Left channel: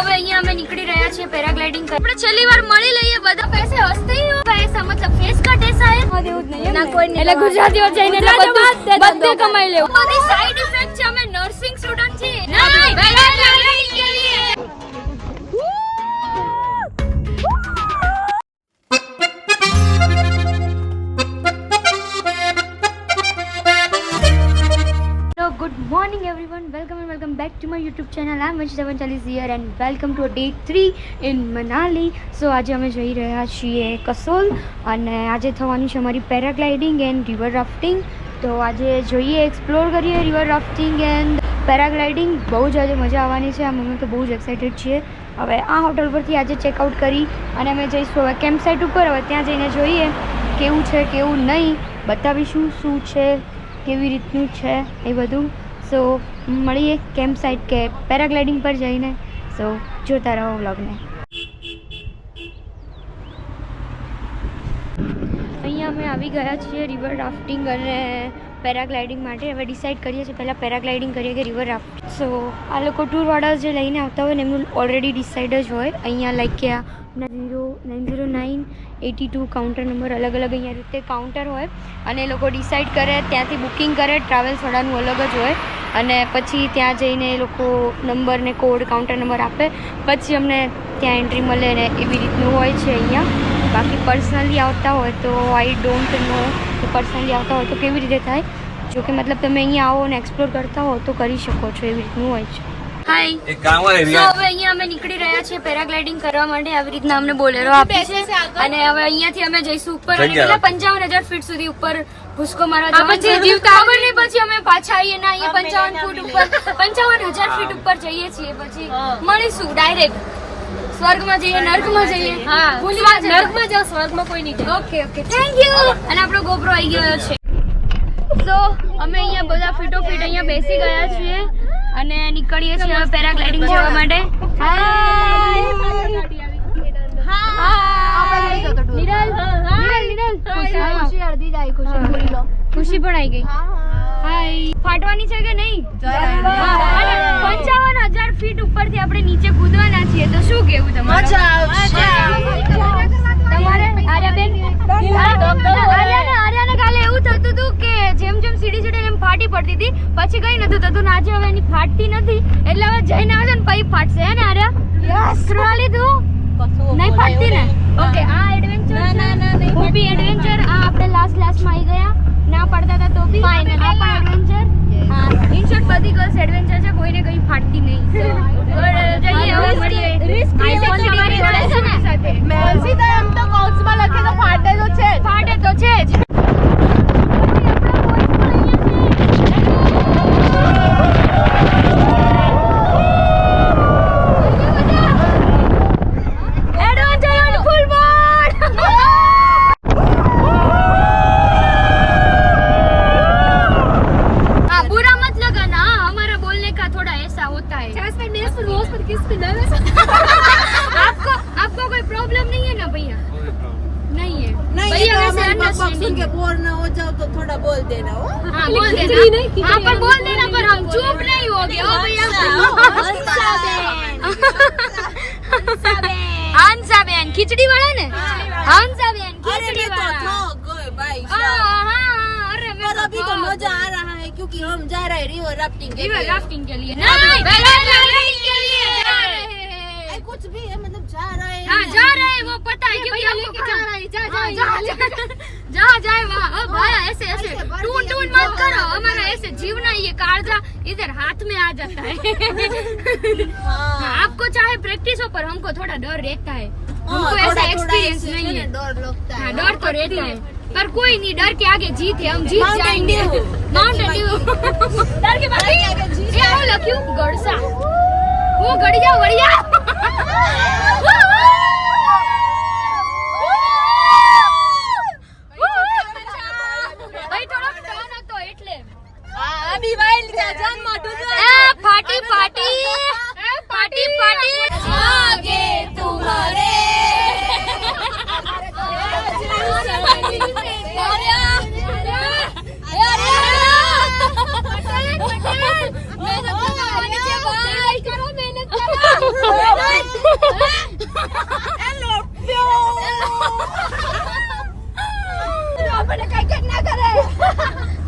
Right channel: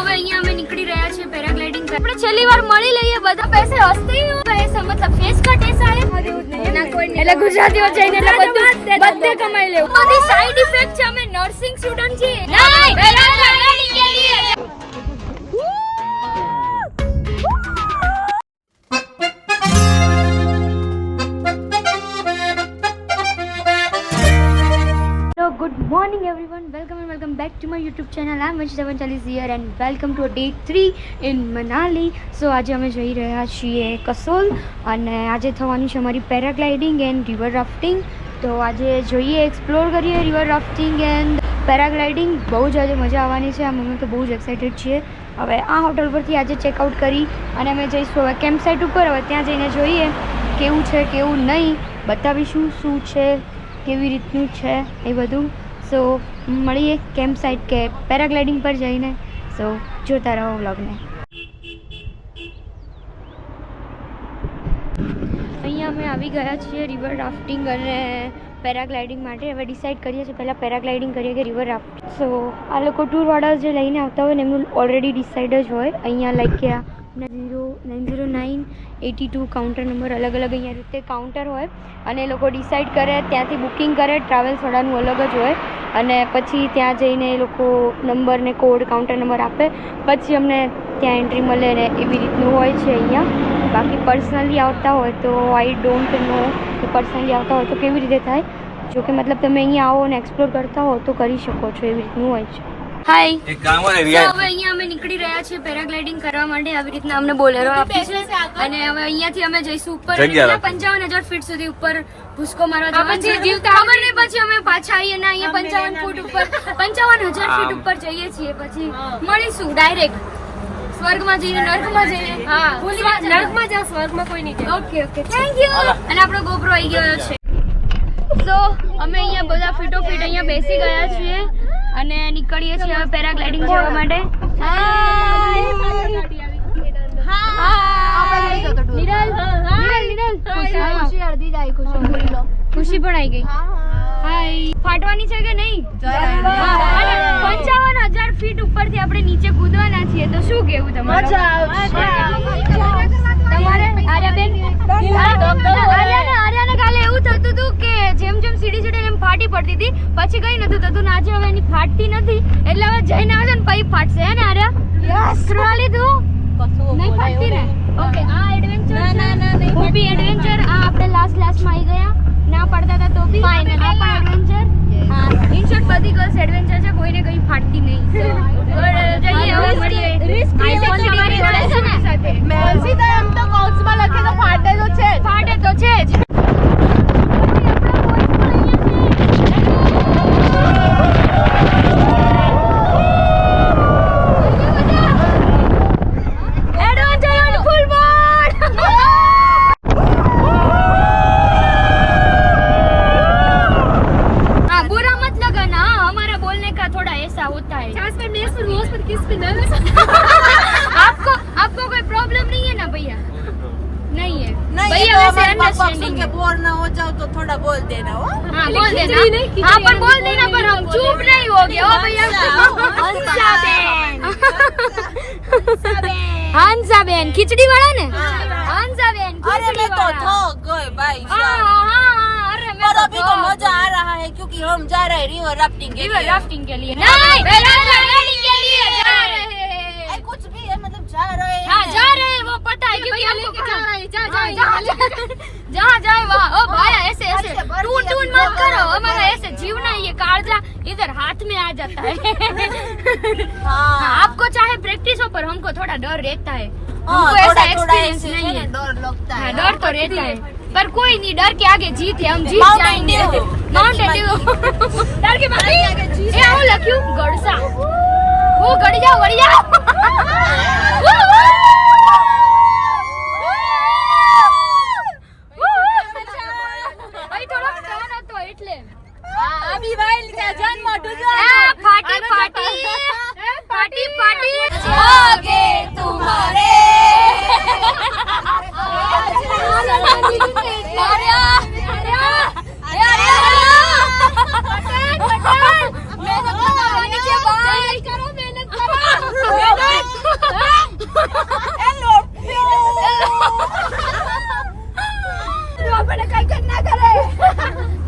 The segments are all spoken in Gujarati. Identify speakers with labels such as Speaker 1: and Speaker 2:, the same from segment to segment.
Speaker 1: હવે અહીંયા અમે નીકળી રહ્યા છીએ પેરાગ્લાઇડિંગ કરવા આપણે છેલ્લી વાર મળી લઈએ બધા પૈસે હસતે હી પૈસા મતલબ ફેસ કટ એ સાહેબ ના કોઈ એટલે ગુજરાતીઓ જઈને એટલે બધું કમાઈ લેવું. બધી સાઈડ ઇફેક્ટ છે અમે નર્સિંગ સ્ટુડન્ટ છીએ. નહીં morning, everyone. Welcome and welcome back to my YouTube channel. I'm Vanshita Vanchalis here and welcome to day 3 in Manali. So આજે અમે જઈ રહ્યા છીએ કસોલ અને આજે થવાની છે અમારી પેરાગ્લાઇડિંગ એન્ડ રિવર રાફ્ટિંગ. તો આજે જોઈએ એક્સપ્લોર કરીએ રિવર રાફ્ટિંગ એન્ડ પેરાગ્લાઇડિંગ. બહુ જ આજે મજા આવવાની છે. અમે તો બહુ જ એક્સાઇટેડ છીએ. હવે આ હોટલ પરથી આજે ચેકઆઉટ કરી અને અમે જઈશું હવે કેમ્પ સાઇટ ઉપર. હવે ત્યાં જઈને જોઈએ કેવું છે, કેવું નહીં. બતાવીશું શું છે, કેવી રીતનું છે એ બધું. સો મળીએ કેમ્પ સાઇટ કે પેરાગ્લાઇડિંગ પર જઈને. સો જોતા રહો વ્લોગને. અહીંયા અમે આવી ગયા છીએ રિવર રાફ્ટિંગ અને પેરાગ્લાઇડિંગ માટે. હવે ડિસાઇડ કરીએ છીએ પહેલાં પેરાગ્લાઇડિંગ કરીએ કે રિવર રાફ્ટ. સો આ લોકો ટૂરવાળા જે લઈને આવતા હોય ને એમનું ઓલરેડી ડિસાઇડ જ હોય. અહીંયા લાઈક કે આ zero nine zero nine eighty two counter number અલગ અલગ અહીંયા રીતે કાઉન્ટર હોય અને એ લોકો ડિસાઇડ કરે ત્યાંથી બુકિંગ કરે ટ્રાવેલ્સવાળાનું અલગ જ હોય અને પછી ત્યાં જઈને એ લોકો નંબર ને કોડ કાઉન્ટર નંબર આપે. પછી અમને ત્યાં એન્ટ્રી મળે ને એવી રીતનું હોય છે અહીંયા. બાકી પર્સનલી આવતા હોય તો આઈ ડોન્ટ નો કે પર્સનલી આવતા હોય તો કેવી રીતે થાય? જો કે મતલબ તમે અહીંયા આવો અને એક્સપ્લોર કરતા હો તો કરી શકો છો એવી રીતનું હોય છે. હાય
Speaker 2: એક કામ હોય રિયા
Speaker 1: હવે અહીંયા અમે નીકળી રહ્યા છીએ પેરાગ્લાઇડિંગ કરવા માટે. આવી રીતના અમને બોલેરો આપી છે. અને હવે અહીંયાથી અમે જઈશું ઉપર અને પંચાવન હજાર ફીટ સુધી ઉપર ભૂસકો મારવા જવાનું છે. ખબર નહીં પછી અમે પાછા આવીએ ને અહીંયા પંચાવન ફૂટ. ઉપર પંચાવન હજાર ફીટ ઉપર જઈએ છીએ. પછી મળીશું ડાયરેક્ટ સ્વર્ગમાં જઈએ નર્કમાં જઈએ. હા
Speaker 3: નર્કમાં જાઓ સ્વર્ગમાં કોઈ નહીં
Speaker 1: ઓકે ઓકે થેન્ક યુ અને આપણો ગોબરો આવી ગયો છે. સો અમે અહીંયા બધા ફીટો ફીટ અહીંયા બેસી ગયા છીએ. અને નીકળીએ છીએ હવે પેરાગ્લાઇડિંગ જવા માટે. ખુશી. પણ આવી ગઈ. હાય. ફાટવાની છે કે નહીં? પંચાવન હજાર ફીટ ઉપરથી આપણે નીચે કૂદવાના છીએ. તો શું કેવું તમારે? તમારે આર્યાબેન આર્યાને આર્યાને કાલે એવું થતું હતું કે જેમ જેમ સીડી ચડે એમ ફાટી પડતી હતી. પછી કઈ નતું થતું ને આજે હવે એની ફાટતી નથી. એટલે હવે જઈને આવશે ને પછી ફાટશે હે ને આર્યા? યસ. લીધું નહીં ફાટતી ને? ઓકે આ એડવેન્ચર
Speaker 3: ના, ના, ના, નહીં
Speaker 1: એડવેન્ચર આ આપણે લાસ્ટ લાસ્ટમાં આવી ગયા. ના પડતા હતા તો બી ફાઇનલ પણ એડવેન્ચર હા ઇન શોર્ટ બધી ગર્લ્સ એડવેન્ચર છે કોઈને કઈ ફાટતી નહીં. Good, જઈએ હવે મળીએ. આઈફોન તમારી જોડે છે ને સાથે ફાટે તો છે જ. हम
Speaker 3: जा रहे हैं रिवर राफ्टिंग
Speaker 1: रिवर राफ्टिंग के लिए। नहीं के लिए जा रहे हैं।
Speaker 3: कुछ भी है मतलब जा रहे हैं।
Speaker 1: हाँ जा रहे हैं वो पता है क्योंकि हमको जा रहे हैं जा जा जहाँ जाए वहाँ ओ भाई ऐसे ऐसे। टून टून मत करो हमारा ऐसे जीवना ये कालजा इधर हाथ में आ जाता है। हाँ, आपको चाहे प्रैक्टिस हो पर हमको थोड़ा डर रहता है। हमको
Speaker 3: हाँ,
Speaker 1: ऐसा एक्सपीरियंस नहीं
Speaker 3: है
Speaker 1: है।
Speaker 3: डर लगता है।
Speaker 1: हाँ डर तो रहता है। पर कोई नहीं डर के आगे जीत है हम जीत जाएंगे माउंटेन ड्यू डर के भाभी ये आओ लखियो गड़सा वो गड़िया गड़िया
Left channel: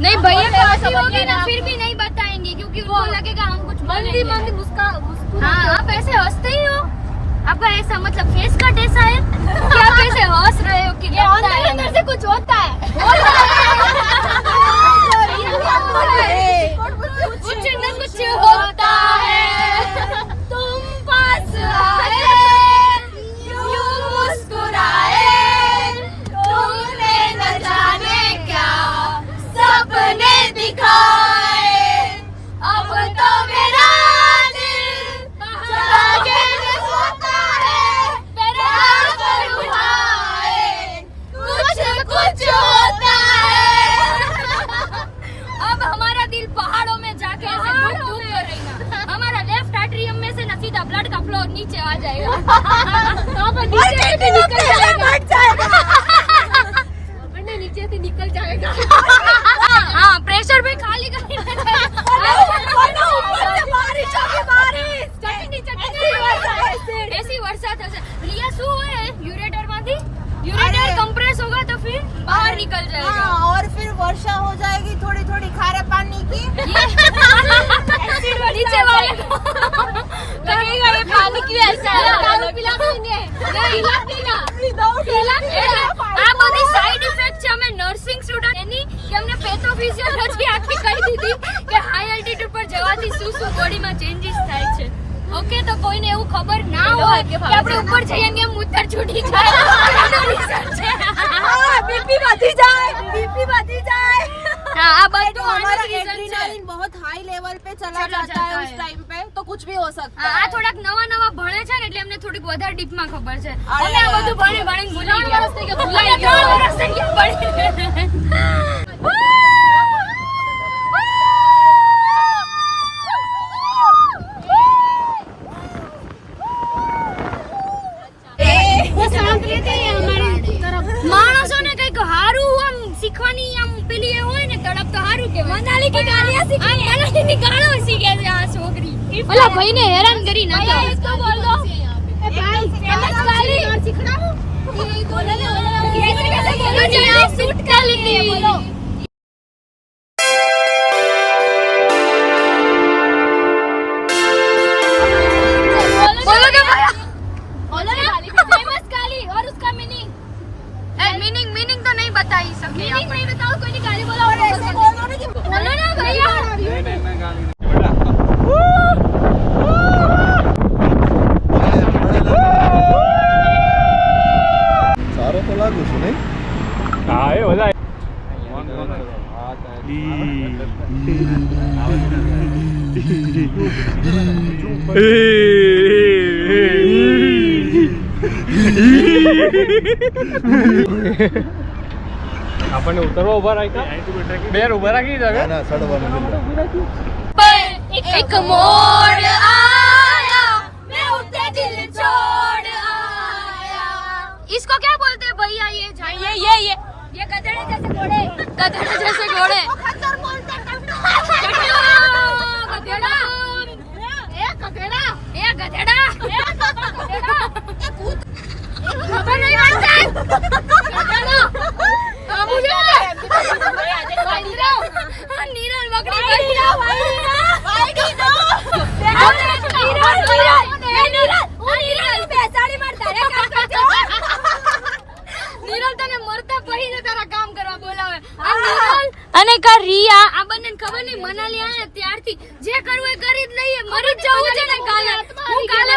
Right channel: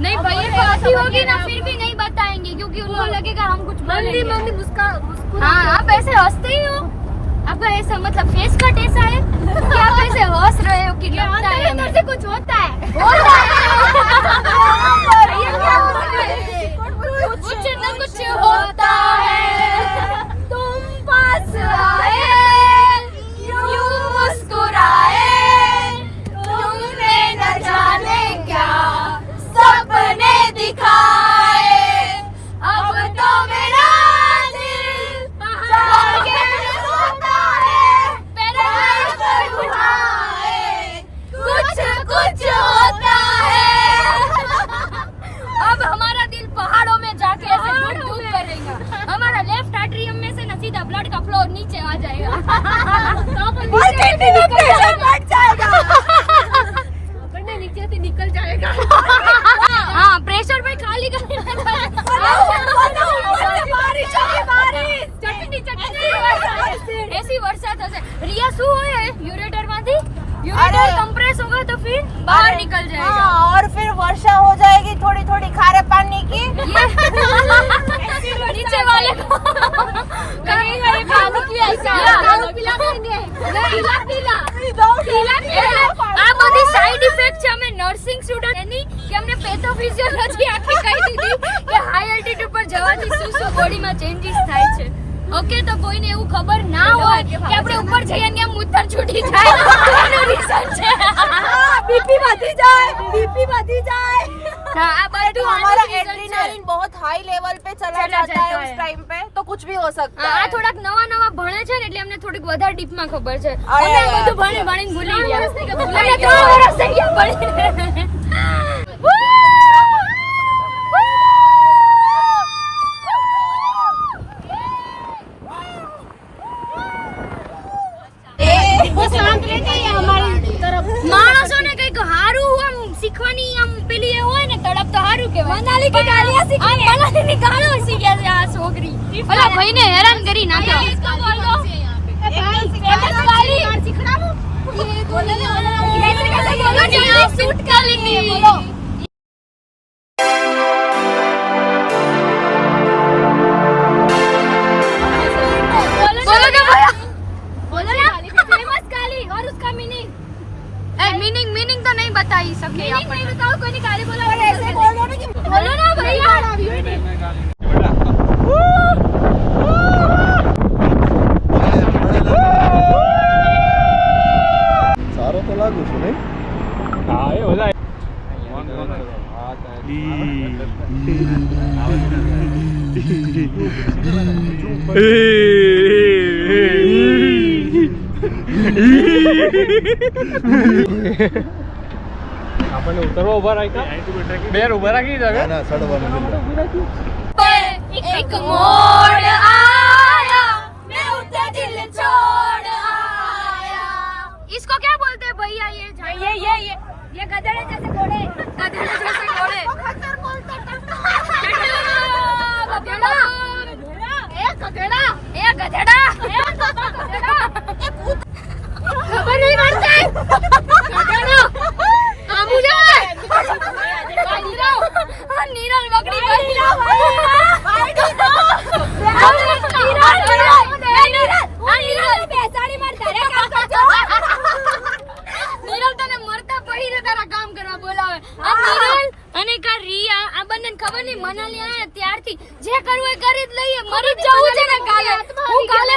Speaker 1: नहीं भैया तो
Speaker 3: आती होगी ना फिर भी
Speaker 1: नहीं बताएंगे क्योंकि उनको लगेगा
Speaker 3: हम कुछ
Speaker 1: बोलेंगे मम्मी मुस्का हाँ आप ऐसे हंसते ही हो आपका ऐसा मतलब फेस कट ऐसा है कि आप ऐसे हंस रहे हो कि लगता है अंदर से कुछ होता है होता है कुछ ना कुछ होता है પેથોફિઝિયોલોજી આખી કહી દીધી કે હાઈ એલ્ટિટ્યુડ પર જવાથી શું શું બોડીમાં ચેન્જીસ થાય છે ઓકે તો કોઈને એવું ખબર ના હોય કે આપણે ઉપર જઈએ ને મૂતર છૂટી જાય તો એનું રીઝન છે
Speaker 3: बीपी बढ़ी जाए बीपी बढ़ी जाए
Speaker 1: હા આ બધું
Speaker 3: तो हमारा
Speaker 1: આનું reason છે
Speaker 3: एड्रेनलिन बहुत हाई लेवल पे चला
Speaker 1: चला
Speaker 3: जाता है
Speaker 1: जाता
Speaker 3: उस
Speaker 1: है।
Speaker 3: टाइम पे तो कुछ भी हो सकता
Speaker 1: હા,
Speaker 3: है
Speaker 1: આ થોડાક નવા નવા ભણે છે ને એટલે અમને થોડીક વધારે ડીપમાં ખબર છે
Speaker 3: અરે
Speaker 1: અમે આ
Speaker 3: યાર.
Speaker 1: બધું ભણી ભણીને ભૂલી ગયા અમે ત્રણ વર્ષ થઈ ગયા ભણીને. મનાલી કે ગાલિયા શીખી મનાલી ની ગાળો શીખ્યા છે આ છોકરી ઓલા ભાઈને હેરાન કરી નાખ્યો इसको बोल दो फेमस गाली बोलो ना कैसे कैसे बोलो जल्दी शूट कर लेती है बोलो बोलो
Speaker 4: આપણને ઉતરવા ઉભા રાખ્યા બેર ઉભા રાખી
Speaker 2: ના
Speaker 4: દે
Speaker 2: ના સડવાનું નથી.
Speaker 1: एक मोड़ आया मैं उसे दिल छोड़ आया इसको क्या बोलते हैं भैया ये ये ये ये ये गधड़े जैसे घोड़े गधड़े जैसे घोड़े खच्चर बोलते गधेड़ा ए गधेड़ा ए गधेड़ा ए गधेड़ा खबर नहीं करते गधेड़ा અને કા રિયા. આ બંને ખબર નહીં મનાલી આયા ત્યારથી. જે કરવું એ કરી જ લઈએ. મરી જવું છે ને કાલે. હું કાલે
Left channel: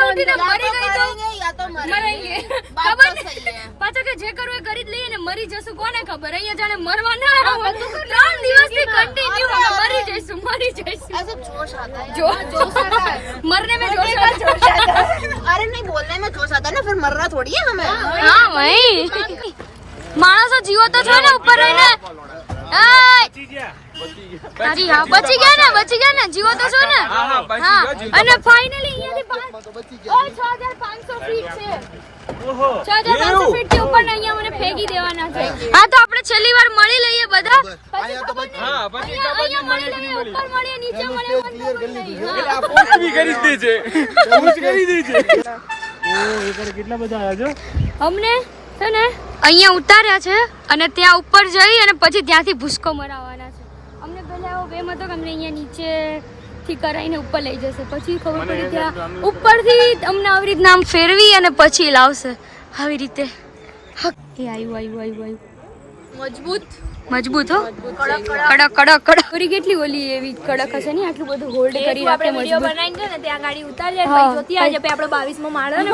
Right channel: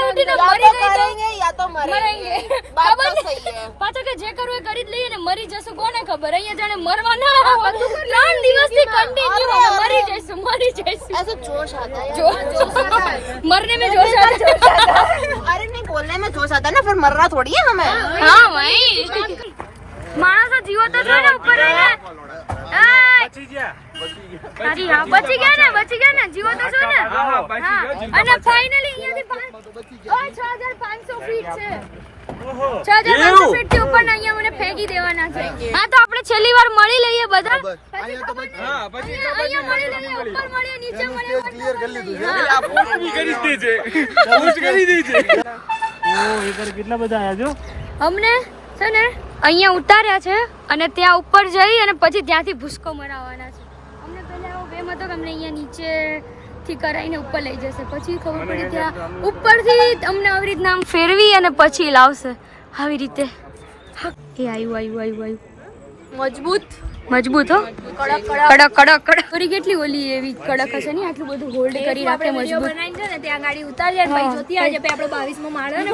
Speaker 1: મરેંગે ખબર
Speaker 3: तो
Speaker 1: નહીં
Speaker 3: सही है
Speaker 1: પાછા કે જે કરવું એ કરી જ લઈએ ને મરી જશું કોને ખબર અહીંયા જાણે મરવા ના આવે ત્રણ દિવસથી કન્ટિન્યુ અમે મરી જઈશું મરી જઈશું
Speaker 3: ऐसे जोश आता है
Speaker 1: जो
Speaker 3: यार, जोश आता है
Speaker 1: मरने में जोश आता जोश आता
Speaker 3: अरे नहीं बोलने में जोश आता है ना फिर मरना थोड़ी है हमें
Speaker 1: હા ભાઈ માણસો જીવો તો છો ને ઉપર રહીને એય! તારી હા બચી ગયા ને બચી ગયા ને જીવો તો છો ને હા અને ફાઇનલી અહીંયાથી પાંચ- ઓય, 6500 ફીટ છે 6500 ફીટથી ઉપર અહીંયા મને ફેંકી દેવાના છે. હા તો આપણે છેલ્લી વાર મળી લઈએ બધા. પછી.
Speaker 4: હા પછી
Speaker 1: અહીંયા અહીંયા મળી લઈએ ઉપર મળીએ નીચે મળીએ
Speaker 2: ક્લિયર કરી લીધું છે.
Speaker 1: આ
Speaker 4: પોસ્ટ બી કરી દીધી છે પોસ્ટ કરી દીધી છે કેટલા બધા આયા જો
Speaker 1: અમને છે ને અહીંયા ઉતાર્યા છે અને ત્યાં ઉપર જઈ અને પછી ત્યાંથી ભૂસકો મરાવવાના છે. અમને પહેલા એવો વેમ હતો કે અમને અહીંયા નીચે થી કરાઈને ઉપર લઈ જશે. પછી ખબર પડી ત્યાં ઉપરથી અમને આવી રીતના આમ ફેરવી અને પછી લાવશે. આવી રીતે. હક, એ આવ્યું આવ્યું આવ્યું આવ્યું
Speaker 3: મજબૂત.
Speaker 1: મજબૂત હો? કડક કડક કડક. કરી કેટલી ઓલી એવી કડક હશે ને? આટલું બધું હોલ્ડ કરી રાખે મજબૂત.
Speaker 3: બનાવીને છે ને ત્યાં ગાડી ઉતારીએ
Speaker 1: હા.
Speaker 3: પછી જોતી આજે પે આપણે બાવીસમો માળો ને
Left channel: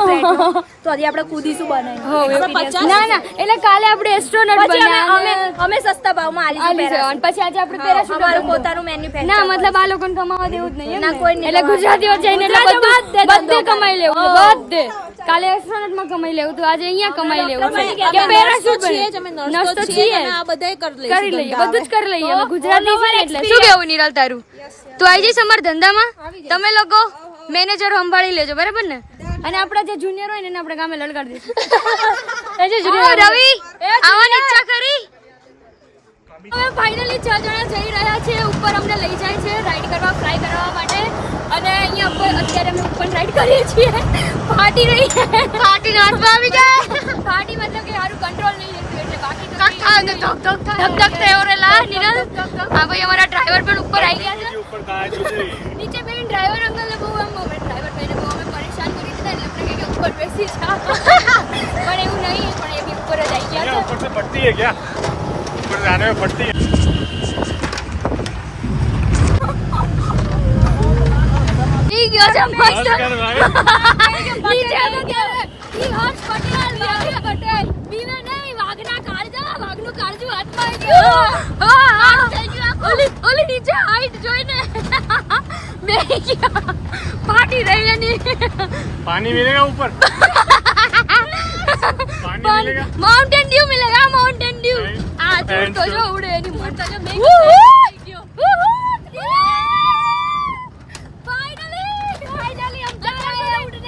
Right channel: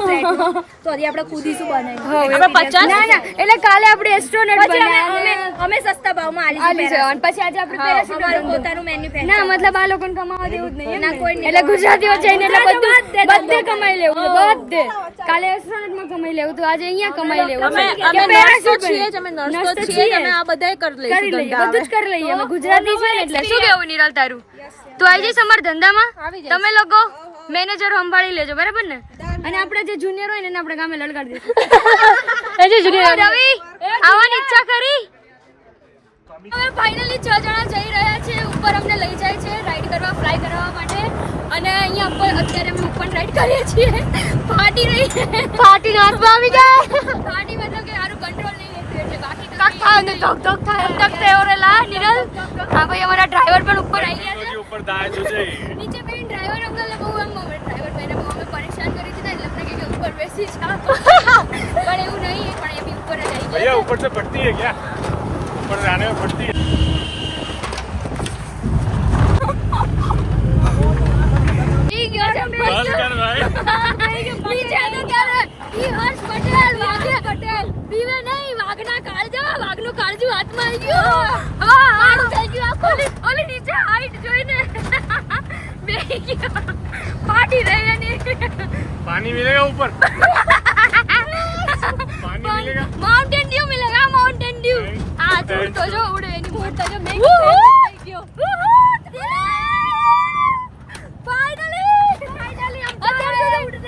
Speaker 3: તો આજે આપણે કૂદીશું બનાવીને
Speaker 1: હો એવું.
Speaker 3: આપણે પચાસ
Speaker 1: ના ના એટલે કાલે આપણે એસ્ટ્રોનટ
Speaker 3: બનાવ્યા અમે અમે સસ્તા ભાવમાં
Speaker 1: આલી
Speaker 3: આલી
Speaker 1: છે અને પછી આજે આપણે પેરાશૂટ
Speaker 3: અમારું પોતાનું મેન્યુફેક્ચર
Speaker 1: ના મતલબ આ લોકોને કમાવા દેવું જ નહીં
Speaker 3: ના, કોઈ નહીં
Speaker 1: એટલે ગુજરાતીઓ જઈને એટલે બધું બધે કમાઈ લેવું બધે. કાલે એસ્ટ્રોનટમાં કમાઈ લેવું તો આજે અહીંયા કમાઈ લેવું. છે.
Speaker 3: અમે નર્સ તો છીએ જ, અમે
Speaker 1: નર્સ તો
Speaker 3: છીએ અમે આ બધાય કરી
Speaker 1: કરી લઈએ બધું જ કરી લઈએ. અમે ગુજરાતી છે ને એટલે શું કેવું નિરલ તારું? તું આવી જઈશ અમારા ધંધામાં? તમે લોકો મેનેજર સંભાળી લેજો બરાબર ને? અને આપણા જે જુનિયર હોય ને એને આપણે ગામે લલગાડી દઈશું. રવિ આવવાની ઈચ્છા કરી? હવે ફાઇનલી છ જણા જઈ રહ્યા છે ઉપર અમને લઈ જાય છે રાઈડ કરવા ફ્રાય કરવા માટે. અને અહીંયા ઉપર અત્યારે અમે ઉપર રાઈડ કરીએ છીએ. ફાટી રહી છે. ફાટી નારમાં ગયા. ફાટી મતલબ કે સારું કંટ્રોલ નહીં રહેતું એટલે આ ભાઈ અમારા ડ્રાઈવર પણ ઉપર આવી ગયા છે.
Speaker 4: ઉપર
Speaker 1: નીચે બેન ડ્રાઈવર અંકલને બહુ ડ્રાઈવર ભાઈને બહુ અમે પરેશાન કરી દીધા એટલે કે ઉપર બેસી જા. પણ એવું નહીં પણ એ બી ઉપર જ આવી ગયા ઉપર ઓલી ઓલી નીચે હાઈટ જોઈને બે માઉન્ટેન ડ્યુ મિલેગા માઉન્ટેન ડ્યુ. આ થોડી તો જો ઉડે એની મોટ તો નહીં ફાઇનલી ફાઇનલી હમ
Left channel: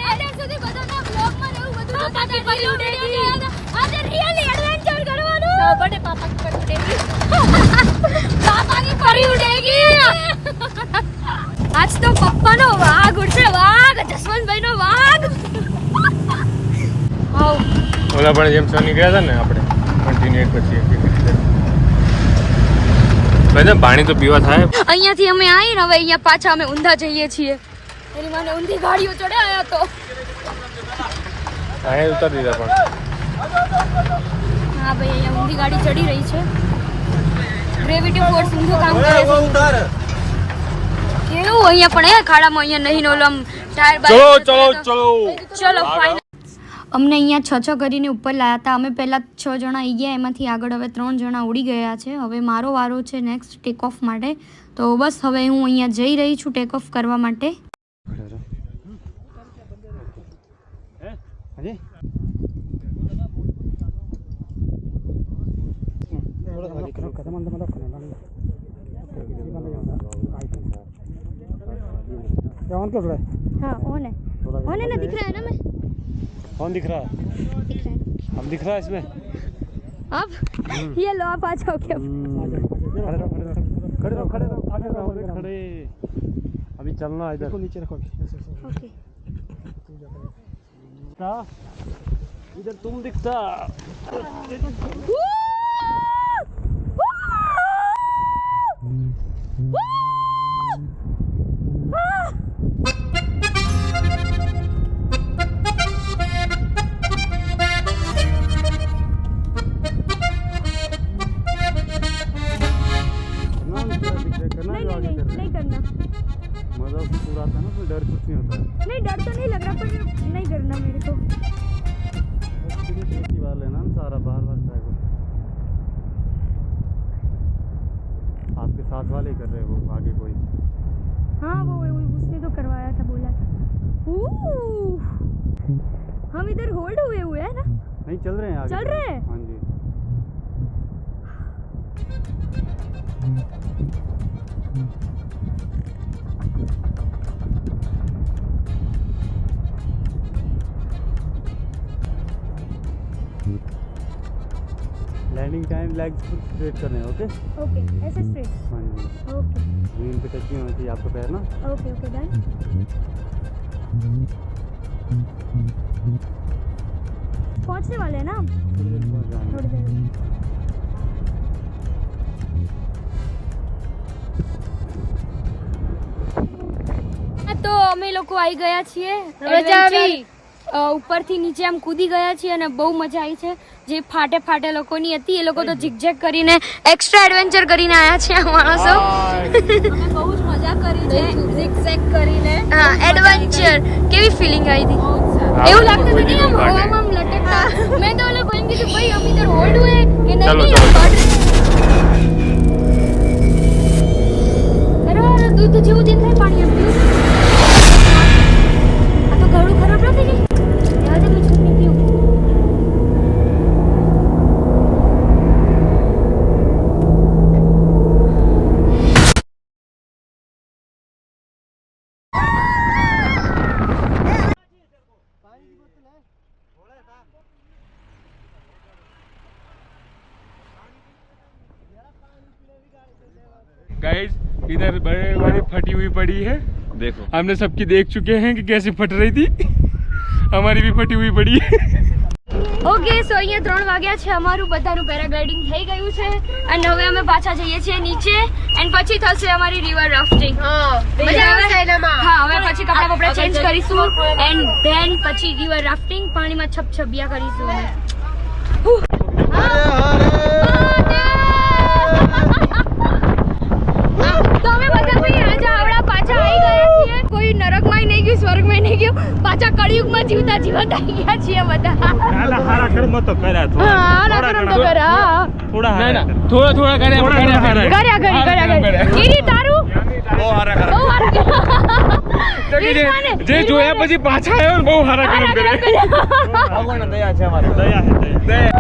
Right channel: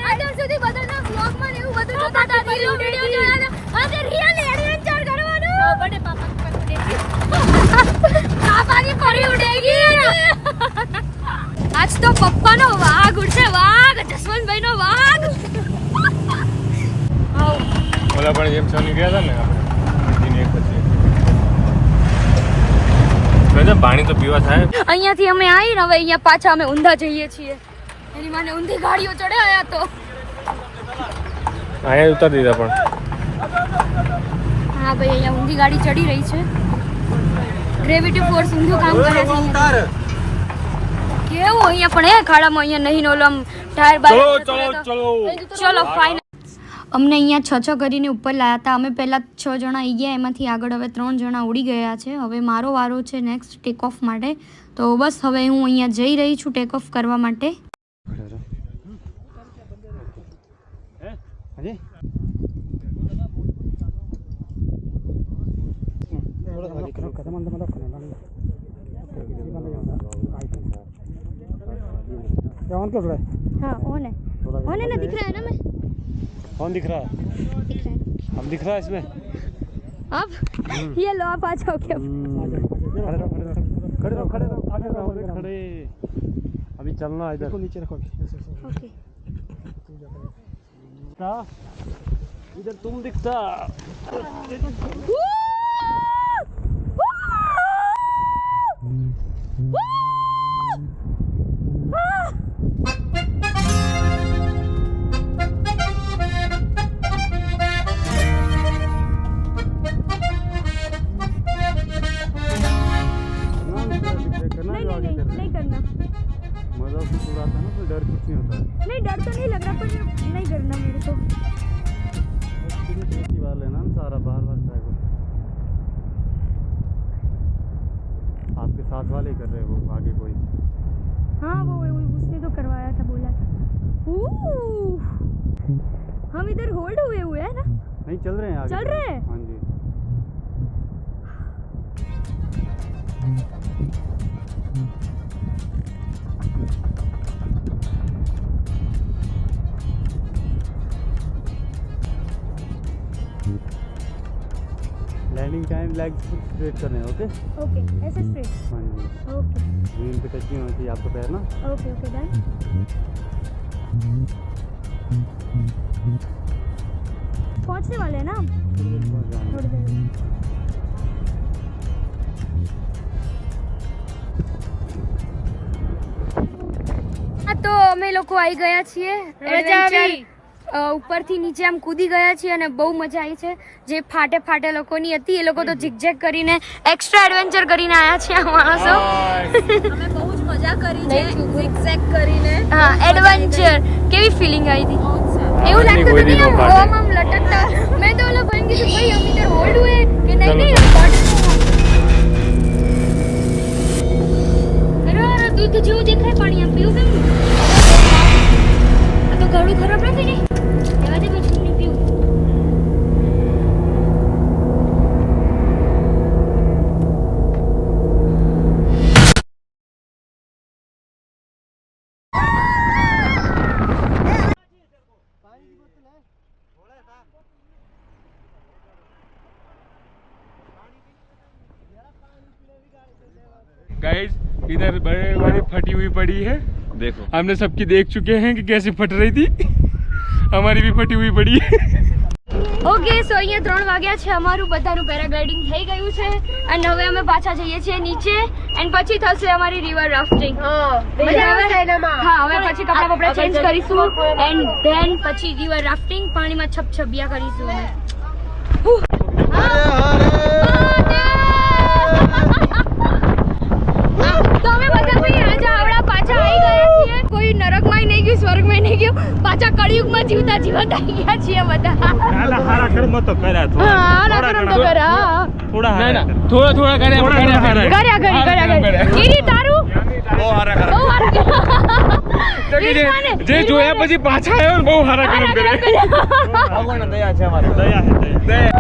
Speaker 1: અત્યાર સુધી બધાના બ્લોગમાં ને એવું બધું જોતા હતા પછી વિડિયો જોયા હતા આજે રિયલી એડવેન્ચર કરવાનું બડે પાપા પર ઉડેગી પાપાની પરી ઉડેગી આજ તો પપ્પાનો વાઘ ઉડશે વાઘ જસવંતભાઈનો વાઘ આવ
Speaker 4: ઓલા પણ જેમ સની ગયા હતા ને આપણે કન્ટિન્યુ પછી પાણી તો પીવા થાય.
Speaker 1: અહીંયાથી અમે આવીને હવે અહીંયા પાછા અમે ઊંધા જઈએ છીએ. એની માને ઊંધી ગાડીઓ ચડાવ્યા તો.
Speaker 4: અહીંયા ઉતારી દીધા પણ.
Speaker 1: હા ભાઈ અહીંયા ઊંધી ગાડી ચડી રહી છે. ગ્રેવિટી ફોર્સ ઊંધું કામ કરે છે. કેવું અહીંયા પણ એ ખાડામાં અહીંયા નહીં ઓલો આમ ટાયર બાય
Speaker 4: ચલો ચલો ચલો.
Speaker 1: ચલો ફાઇનલ અમને અહીંયા છ છ કરીને ઉપર લાવ્યા હતા. અમે પહેલાં છ જણા આવી ગયા, એમાંથી આગળ હવે ત્રણ જણા ઉડી ગયા છે. હવે મારો વારો છે નેક્સ્ટ ટેક ઓફ માટે. તો બસ હવે હું અહીંયા જઈ રહી છું ટેક ઓફ કરવા માટે. હા ઓને ઓને ના દીખ રહ્યા મેં?
Speaker 4: कौन दिख रहा है?
Speaker 1: दिख रहा है
Speaker 4: हम दिख रहा है इसमें?
Speaker 1: अब? ये लो आप आ जाओ क्या
Speaker 4: खड़े रहो खड़े रहो खड़े रहो खड़े रहो खड़े। अभी चलना इधर। इसको नीचे रखो।
Speaker 1: ओके।
Speaker 4: इधर तुम दिखता। साथ वाले कर रहे हैं वो आगे कोई।
Speaker 1: हाँ वो वो- उसने तो करवाया था बोला था। हम इधर होल्ड हुए हुए हैं ना?
Speaker 4: नहीं चल रहे हैं आगे।
Speaker 1: चल रहे हैं?
Speaker 4: हाँ जी। लैंडिंग टाइम लेग स्ट्रेट करने हैं ओके
Speaker 1: ओके ऐसे स्ट्रेट
Speaker 4: हाँ जी
Speaker 1: ओके
Speaker 4: जमीन पे टच नहीं होना चाहिए आपका पैर ना
Speaker 1: ओके ओके डन पहुंचने वाले हैं ना हम
Speaker 4: थोड़ी देर में पहुंच जाएंगे।
Speaker 1: थोड़ी देर में તો અમે લોકો આવી ગયા છીએ એડવેન્ચર ઉપરથી નીચે આમ કૂદી ગયા છીએ અને બહુ મજા આવી છે. જે ફાટે ફાટે લોકોની હતી એ લોકો તો ઝિકઝેક કરીને એક્સ્ટ્રા એડવેન્ચર કરીને આવ્યા છે આ માણસો.
Speaker 3: બહુ જ મજા કરી છે ઝિકઝેક કરીને.
Speaker 1: હા એડવેન્ચર કેવી ફિલિંગ આવી હતી? એવું લાગતું હતું આમ હવામાં લટકતા. મેં તો ઓલા ભાઈને કીધું ભાઈ અમે તો હોલ્ડ હોય. કે નહીં નહીં અરે દૂધ જેવું દેખાય પાણી આમ પીવું. આ તો ઘણું ખરાબ નથી નહીં
Speaker 5: गाइस इधर बड़े बड़े फटी हुई पड़ी है।
Speaker 2: देखो।
Speaker 5: हमने सबकी देख चुके हैं कि कैसे फट रही थी। અમારી બી પટી ઉઈ પડી.
Speaker 1: ઓકે સો અહીંયા ત્રણ વાગ્યા છે. અમારું બધાનું પેરાગ્લાઇડિંગ થઈ ગયું છે. અને હવે અમે પાછા જઈએ છીએ નીચે. એન્ડ પછી થશે અમારી રિવર રાફ્ટિંગ હા હવે પછી કપડા કપડા ચેન્જ કરીશું. એન્ડ ધેન પછી રિવર રાફ્ટિંગ પાણીમાં છપછપિયા કરીશું લટાઈ ગયા બધા.
Speaker 4: હારા કર્મ તો કર્યા થોડા.
Speaker 1: હારા કર્મ તો કર્યા
Speaker 4: થોડા હારા થોડા
Speaker 5: થોડા
Speaker 4: કર્યા કર્યા
Speaker 1: કર્યા. કર્યા કર્યા કીરી તારું?
Speaker 2: બહુ હારા
Speaker 1: કર્મ
Speaker 5: બહુ હારા જે જોયા પછી પાછા આવ્યો બહુ હારા
Speaker 2: કર્યા દયા છે
Speaker 4: દયા દયા.